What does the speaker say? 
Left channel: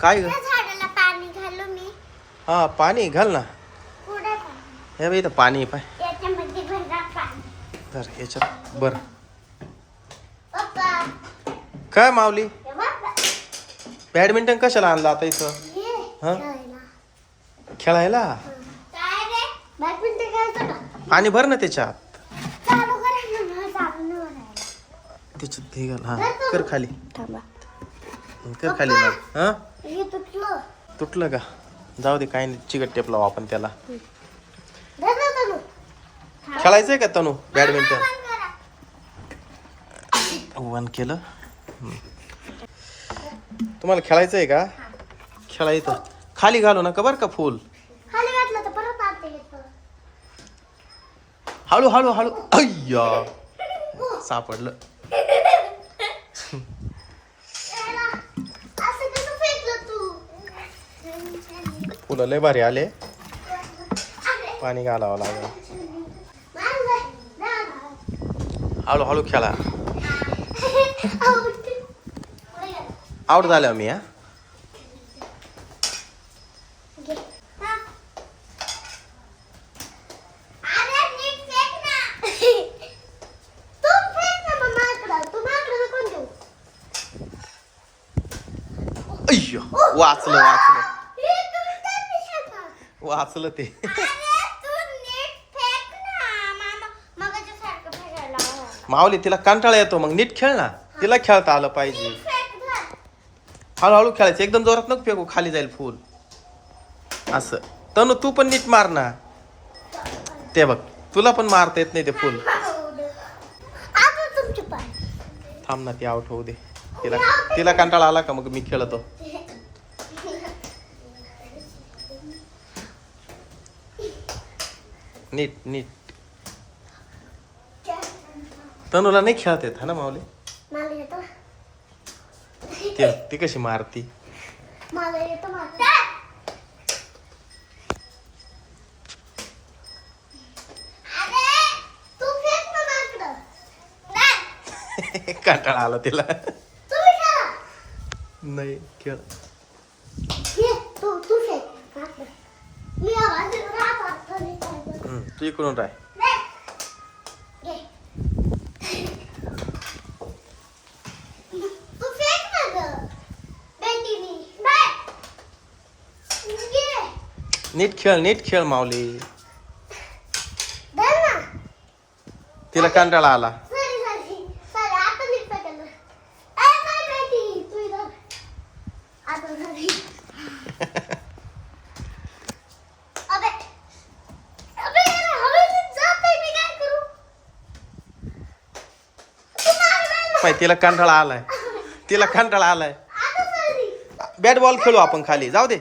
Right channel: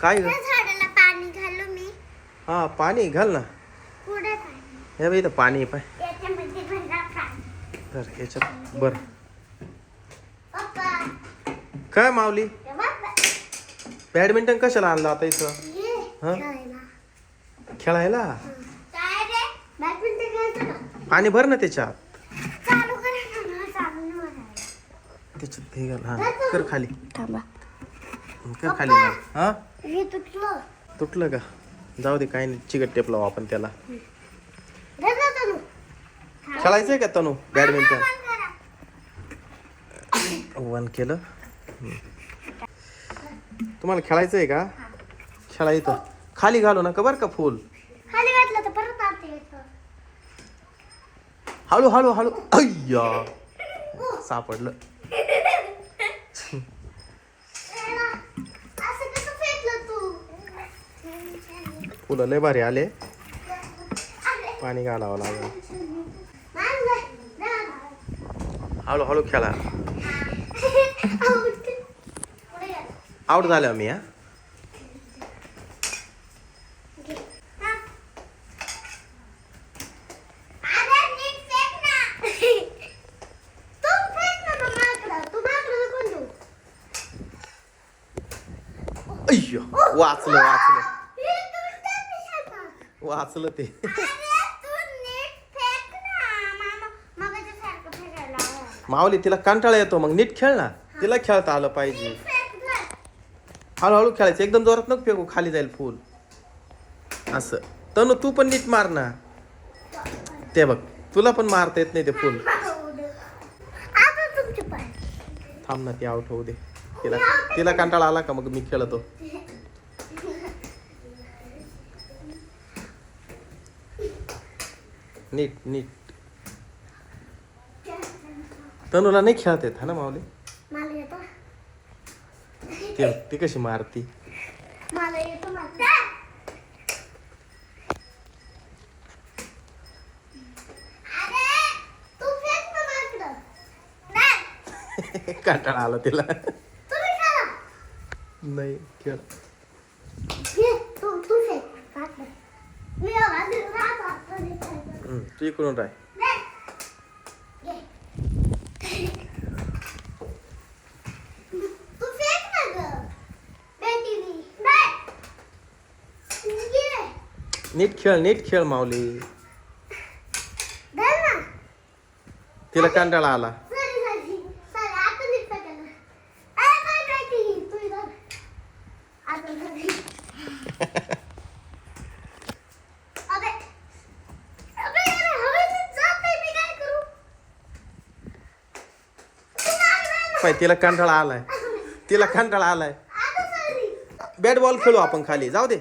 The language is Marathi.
काय ग? त्या झाडाला पाणी घालू मी. हा पाणी घाल ना. कुठे पाणी? हे बाई इथं पाणी आहे पाय. याच्यामध्ये भरा पाणी. तर याच्यात बर. पप्पा, काय माऊली हे बघ. बॅडमिंटन कशाला आणलं आता इथं? ये, हा? खेळायला. खेळायला? काय रे? बॅडमिंटन खेळायचं का? पाणी भर ना त्याच्यात. चालू करा ना, मला चालू नाही करायला. त्याच्यात हे घाल. हा कर खाली. थांबा. कर खाली ना. हा हे तुटलं. तुटलं का? जाऊ दे काही नाही, चिकट टेप लावू आपण त्याला. धर ना तनू. खेळायचंय का तनू बॅडमिंटन? बंद करा. वन केलं. तुम्हाला खेळायचंय का? खेळायचं खाली घालू नका बरं का फुल. खाली वाटलं तर परत आणते येतं. हळू हळू हळू. अय्या सापडलं. असं कसं फेकलं तू? फुलं लय भारी आले. पाणी घालावं लागेल. नाही, नाही. हळू हळू खेळा. पुढे गेला. आउट झाल्या मी. हा घे. हा. अरे नीट फेक ना. तू फेक ना मग माझ्याकडं. तू माझ्याकडं कोण देऊ? अय्यो वाचलं वाचलं हे तुम्ही काय पिशा? वाचलं ते. अरे तू नीट फेक ना. मगाच्यासारखं फेकायला लावा. माऊली तिला कंटाळा येतो मग नीट खेळ ना. तिला खेळता आलं पाहिजे. नीट फेक ना. हळूहळू खेळायचं एकदम जोरात नको फेकू, खाली जाईल फुल. असं तनु तू पण नीट मार ना. ते बघ तुला पण मारता येत नाही ते फुल. आता तुमची पाय. थांब ना ती आउट होऊ दे. तिला तिला कंटाळा आला का मग मी खेळतो. नीट नीट. तनुला नाही खेळत येत हा ना माऊली? मला येतं. ती कशी मारती. मला येतं मला. अरे तू फेक ना माझ्याकडं. नाही. कंटाळा आला तिला. तुम्ही खेळा. नाही खेळ. ये, तू फेक. माझ्याकडं. मी आवाज देतो. हात हात नाही करायचं. तू इकडून राह. घे. तू फेक ना गं. बेटीनी. नाही. घे. नीट खेळ माऊली. धर ना. तिला कंटाळा आला. सॉरी आता नीट फेकायला. ए बाय बेटी तू इधर. आता घरी. अबे अबे हवेत जाते मी काय करू? तू मार. पाय तिला कंटाळा आलाय. तिला कंटाळा आलाय. आता सॉरी. बॅट बॉल खेळू आपण खाली. जाऊ दे.